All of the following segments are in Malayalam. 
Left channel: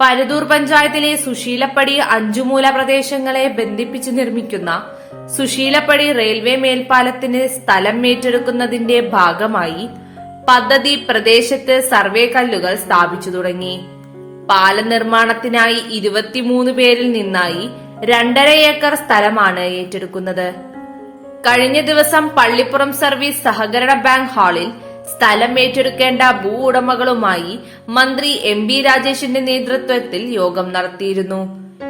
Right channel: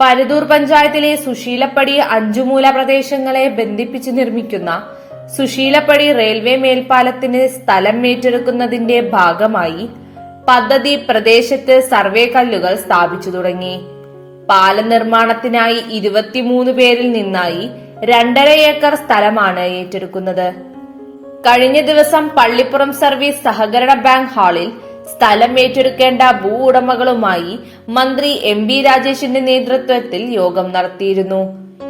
പരുതൂർ പഞ്ചായത്തിലെ സുശീലപ്പടി അഞ്ചുമൂല പ്രദേശങ്ങളെ ബന്ധിപ്പിച്ച് നിർമ്മിക്കുന്ന സുശീലപ്പടി റെയിൽവേ മേൽപ്പാലത്തിന് സ്ഥലം ഏറ്റെടുക്കുന്നതിന്റെ ഭാഗമായി പദ്ധതി പ്രദേശത്ത് സർവേ കല്ലുകൾ സ്ഥാപിച്ചു തുടങ്ങി. പാല നിർമ്മാണത്തിനായി ഇരുപത്തിമൂന്ന് പേരിൽ നിന്നായി രണ്ടര ഏക്കർ സ്ഥലമാണ് ഏറ്റെടുക്കുന്നത്. കഴിഞ്ഞ ദിവസം പള്ളിപ്പുറം സർവീസ് സഹകരണ ബാങ്ക് ഹാളിൽ സ്ഥലം ഏറ്റെടുക്കേണ്ട ഭൂ ഉടമകളുമായി മന്ത്രി എം ബി രാജേഷിന്റെ നേതൃത്വത്തിൽ യോഗം നടത്തിയിരുന്നു.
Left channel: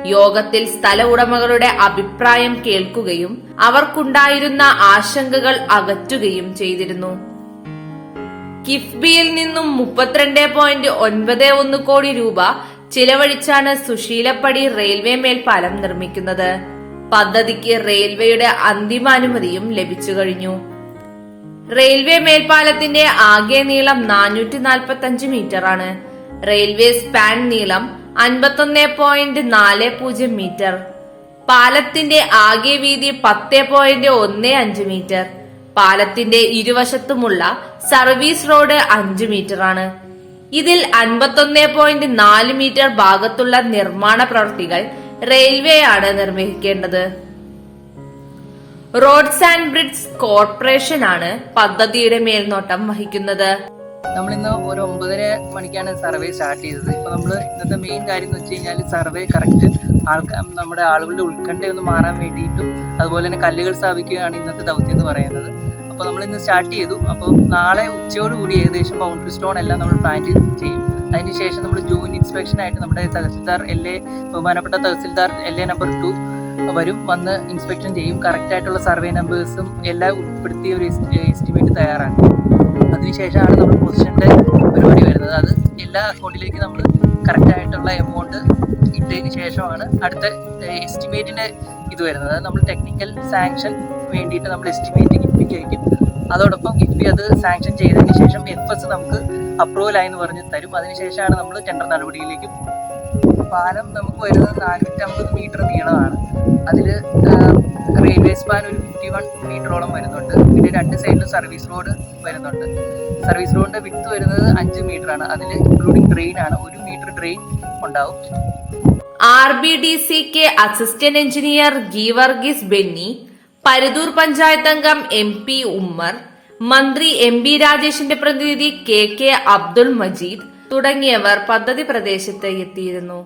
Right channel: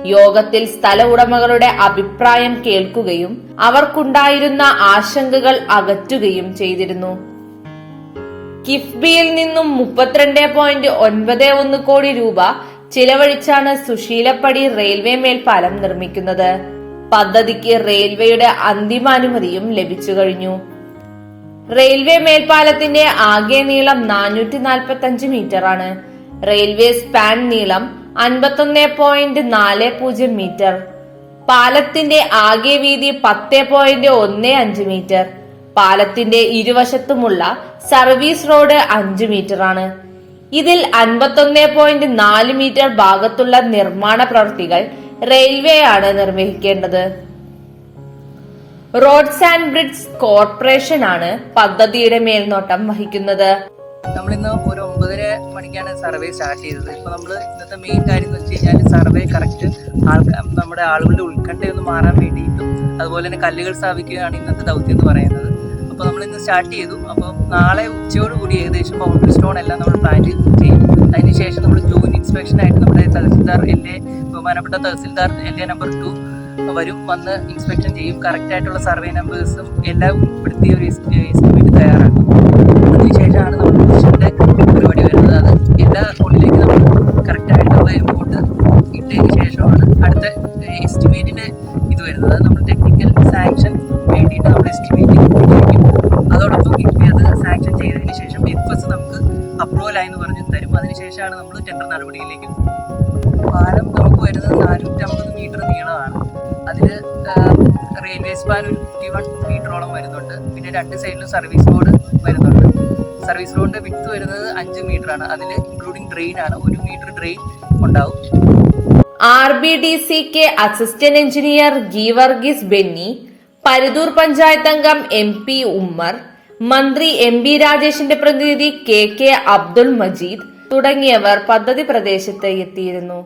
യോഗത്തിൽ സ്ഥല ഉടമകളുടെ അഭിപ്രായം കേൾക്കുകയും അവർക്കുണ്ടായിരുന്ന ആശങ്കകൾ അകറ്റുകയും ചെയ്തിരുന്നു. കിഫ്ബിയിൽ നിന്നും മുപ്പത്തിരണ്ട് പോയിന്റ് ഒൻപത് ഒന്ന് കോടി രൂപ ചിലവഴിച്ചാണ് സുശീലപ്പടി റെയിൽവേ മേൽപ്പാലം നിർമ്മിക്കുന്നത്. പദ്ധതിക്ക് റെയിൽവേയുടെ അന്തിമാനുമതിയും ലഭിച്ചു കഴിഞ്ഞു. റെയിൽവേ മേൽപ്പാലത്തിന്റെ ആകെ നീളം നാനൂറ്റി നാൽപ്പത്തി അഞ്ച് മീറ്റർ ആണ് റെയിൽവേ സ്പാൻ നീളം അൻപത്തൊന്ന് പോയിന്റ് നാല് പൂജ്യം മീറ്റർ. പാലത്തിന്റെ ആകെ വീതി പത്ത് പോയിന്റ് ഒന്ന് അഞ്ച് മീറ്റർ. പാലത്തിന്റെ ഇരുവശത്തുമുള്ള സർവീസ് റോഡ് അഞ്ച് മീറ്റർ ആണ് ഇതിൽ അൻപത്തൊന്ന് പോയിന്റ് നാല് മീറ്റർ ഭാഗത്തുള്ള നിർമ്മാണ പ്രവൃത്തികൾ റെയിൽവേ ആണ് നിർവഹിക്കേണ്ടത്. റോഡ്സ് ആൻഡ് ബ്രിഡ്സ് കോർപ്പറേഷൻ ആണ് പദ്ധതിയുടെ മേൽനോട്ടം വഹിക്കുന്നത്. നമ്മൾ ഇന്ന് ഒരു ഒമ്പതര മണിക്കാണ് സർവേ സ്റ്റാർട്ട് ചെയ്തത്. ഇപ്പോൾ നമ്മൾ ഇന്നത്തെ മെയിൻ കാര്യം എന്ന് വെച്ച് കഴിഞ്ഞാൽ സർവേ കറക്റ്റ് ആൾക്കാർ നമ്മുടെ ആളുകളുടെ ഉത്കണ്ഠയൊന്ന് മാറാൻ വേണ്ടിയിട്ടും അതുപോലെ തന്നെ കല്ലുകൾ സ്ഥാപിക്കുകയാണ് ഇന്നത്തെ ദൗത്യം എന്ന് പറയുന്നത്. അപ്പോൾ നമ്മൾ ഇന്ന് സ്റ്റാർട്ട് ചെയ്തു. അപ്പോൾ നാളെ ഉച്ചയോടുകൂടി ഏകദേശം ബൗണ്ടറി സ്റ്റോൺ എല്ലാം നമ്മൾ പ്ലാൻ ചെയ്യും. അതിനുശേഷം നമ്മൾ ജൂൺ ഇൻസ്പെക്ഷൻ ആയിട്ട് നമ്മുടെ തഹസിൽദാർ എൽ എ ബഹുമാനപ്പെട്ട tahsildar L A number two വരും വന്ന് ഇൻസ്പെക്ഷൻ ചെയ്യും. കറക്റ്റ് ആയിട്ടുള്ള സർവേ നമ്പേഴ്സും എല്ലാം ഉൾപ്പെടുത്തിയ ഒരു എസ്റ്റിമേറ്റ് തയ്യാറാക്കും. അതിനുശേഷമാണ് നമ്മൾ പൊസിഷന്റെ പരിപാടി വരുന്നത്. അത് എല്ലാ അക്കൗണ്ടിലേക്ക് നമ്മൾ കറക്റ്റ് ആയിട്ടുള്ള എമൗണ്ട് ഇട്ടതിന് ശേഷമാണ് അടുത്ത എസ്റ്റിമേറ്റിന്റെ ഇത് വരുന്നത്. നമ്മൾ ടെക്നിക്കൽ സാങ്ഷൻ വേണ്ടിയിട്ട് നമ്മൾ എസ്റ്റിമേറ്റ് കിട്ടിയിരിക്കും അതോടൊപ്പം കിഫ്ബി അത് സാങ്ഷൻ ചെയ്തതിന് ശേഷം എഫ് എസ് നമുക്ക് അപ്രൂവൽ ആയെന്ന് പറഞ്ഞ് തരും. അതിനുശേഷമാണ് നമ്മൾ ടെൻഡർ നടപടിയിലേക്ക് പാലം നാനൂറ്റമ്പത് മീറ്റർ നീളമാണ്. അതിൽ റെയിൽവേ സ്പാൻ ഒരു ഫിഫ്റ്റി വൺ മീറ്ററോളം വരുന്നുണ്ട്. പിന്നെ രണ്ട് സൈഡിലും സർവീസ് റോഡ് വരുന്നുണ്ട്. സർവീസ് റോഡിന്റെ വിത്ത് വരുന്നത് അഞ്ച് മീറ്ററാണ് അതിൽ ഇൻക്ലൂഡിങ് ട്രെയിൻ ആണ്. ഒരു മീറ്റർ ട്രെയിൻ ഉണ്ടാവും. R B D C K assistant engineer Geevarghese Benny Paruthur panchayat അംഗം എം പി ഉമ്മർ മന്ത്രി എം ബി രാജേഷിന്റെ പ്രതിനിധി കെ കെ അബ്ദുൾ മജീദ് തുടങ്ങിയവർ പദ്ധതി പ്രദേശത്ത് എത്തിയിരുന്നു.